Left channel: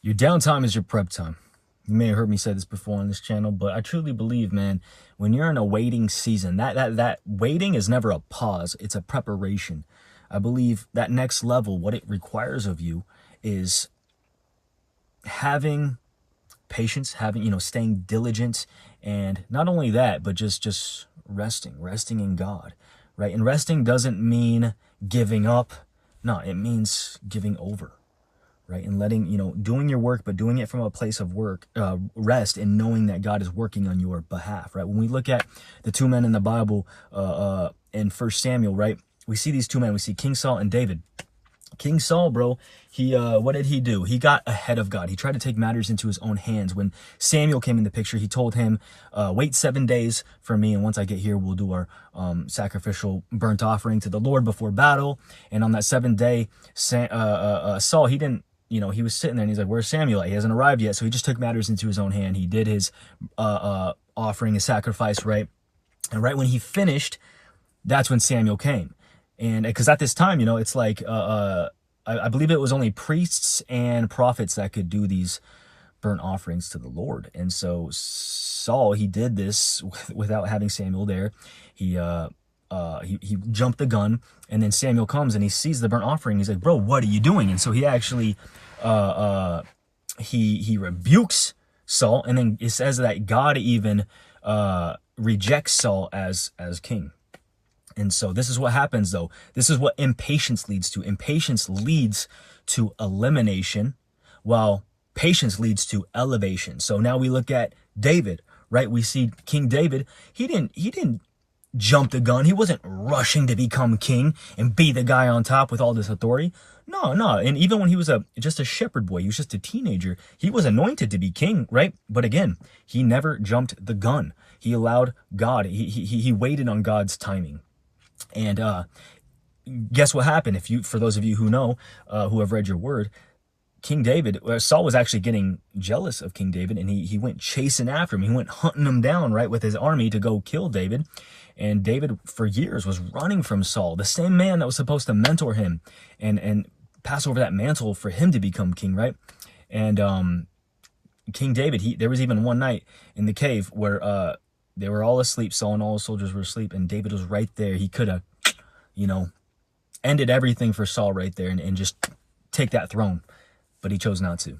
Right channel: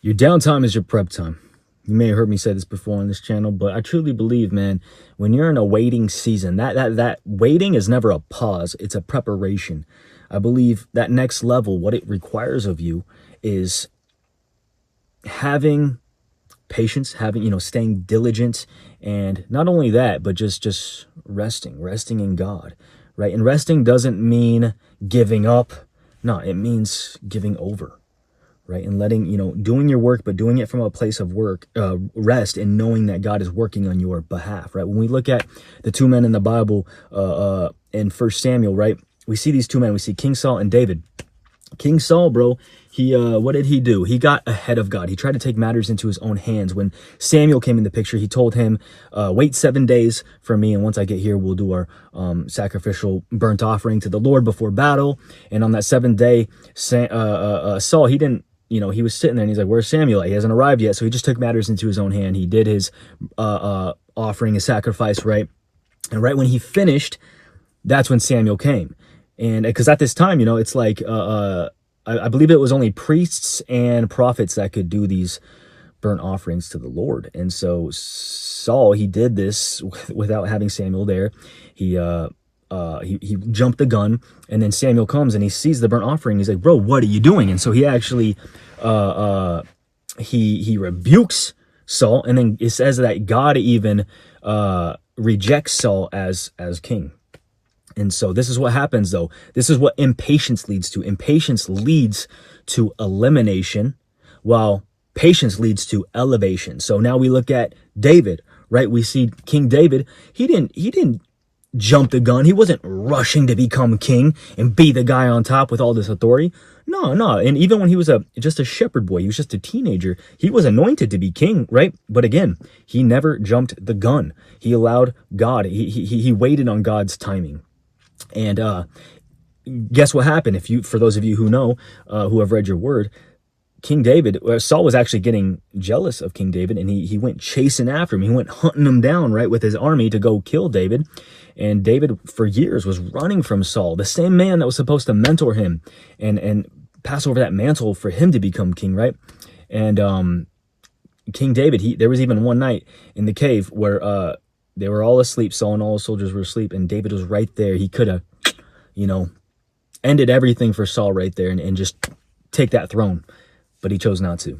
Your downtime is your prep time. You may have heard me say this before on this channel, but I truly believe, man, when you're in a waiting season, that waiting is never a pause. It's a preparation. I believe that next level, what it requires of you is having patience, staying diligent, and not only that, but just resting in God, right? And resting doesn't mean giving up. No, it means giving over. Right, and letting, doing your work, but doing it from a place of rest, and knowing that God is working on your behalf, right? When we look at the two men in the Bible, in 1 Samuel, right, we see these two men. We see King Saul and David. King Saul, bro, he what did he do? He got ahead of God. He tried to take matters into his own hands. When Samuel came in the picture, he told him, wait 7 days for me, and once I get here, we'll do our sacrificial burnt offering to the Lord before battle. And on that 7th day, Saul, he didn't, he was sitting there and he's like, where's Samuel? He hasn't arrived yet. So he just took matters into his own hand. He did his offering, his sacrifice, right? And right when he finished, that's when Samuel came. And because at this time, it's like, I believe it was only priests and prophets that could do these burnt offerings to the Lord. And so Saul, he did this without having Samuel there. He jumped the gun, and then Samuel comes and he sees the burnt offering. He's like, bro, what are you doing? And so he actually, he rebukes Saul, and then it says that God even rejects Saul as king. And so this is what happens, though. This is what impatience leads to. Impatience leads to elimination, while patience leads to elevation. So now we look at David, right? We see King David. He didn't jump the gun. He wasn't rushing to become king and be the guy on top with all this authority. No. And even when he was just a shepherd boy, he was just a teenager, he was anointed to be king, right? But again, he never jumped the gun. He allowed God. He waited on God's timing. And guess what happened? For those of you who know, who have read your word, King David, Saul was actually getting jealous of King David, and he went chasing after him. He went hunting him down, right, with his army to go kill David. And David, for years, was running from Saul, the same man that was supposed to mentor him and pass over that mantle for him to become king, right? And King David, there was even one night in the cave where they were all asleep. Saul and all his soldiers were asleep, and David was right there. He could have, ended everything for Saul right there and just take that throne. But he chose not to.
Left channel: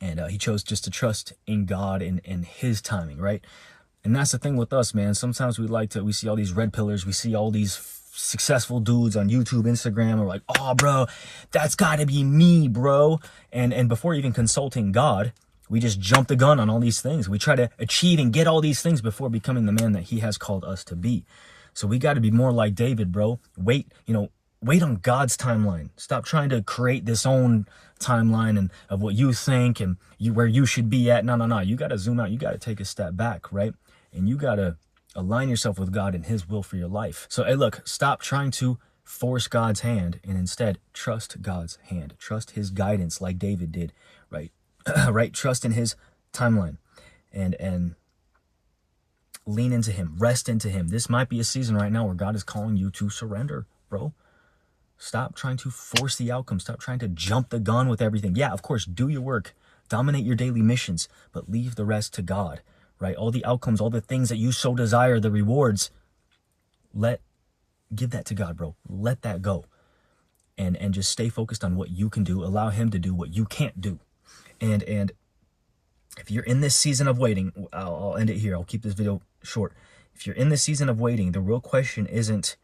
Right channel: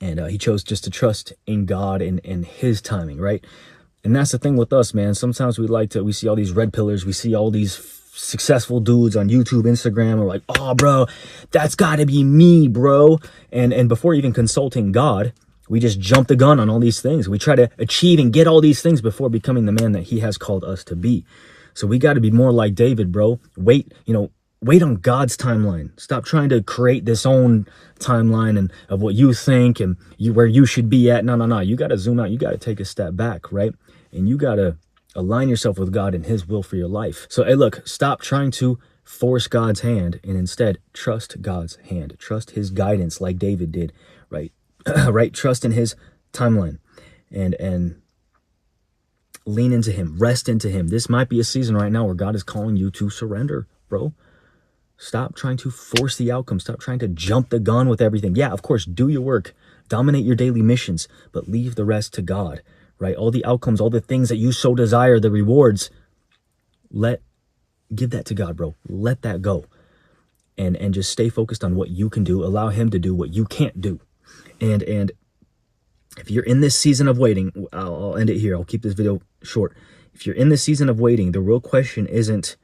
And he chose just to trust in God and his timing, right? And that's the thing with us, man. Sometimes we see all these red pillars. We see all these successful dudes on YouTube, Instagram. We're like, oh, bro, that's got to be me, bro. And before even consulting God, we just jump the gun on all these things. We try to achieve and get all these things before becoming the man that he has called us to be. So we got to be more like David, bro. Wait on God's timeline. Stop trying to create this own timeline and of what you think and where you should be at. No. You got to zoom out. You got to take a step back, right? And you got to align yourself with God and his will for your life. So, hey, look, stop trying to force God's hand and instead trust God's hand. Trust his guidance like David did, right? Right? Trust in his timeline and lean into him, rest into him. This might be a season right now where God is calling you to surrender, bro. Stop trying to force the outcome. Stop trying to jump the gun with everything. Yeah, of course, do your work, dominate your daily missions, but leave the rest to God, right? All the outcomes, all the things that you so desire, the rewards, give that to God, bro. Let that go. And just stay focused on what you can do. Allow him to do what you can't do. And if you're in this season of waiting, I'll end it here. I'll keep this video short. If you're in this season of waiting, the real question isn't,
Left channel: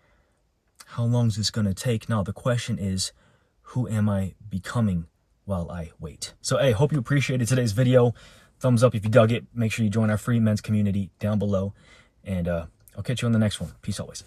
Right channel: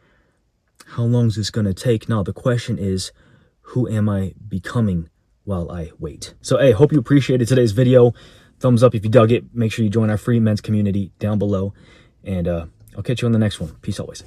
how long is this going to take? No, the question is, who am I becoming while I wait? So, hey, hope you appreciated today's video. Thumbs up if you dug it. Make sure you join our free men's community down below. And I'll catch you on the next one. Peace always.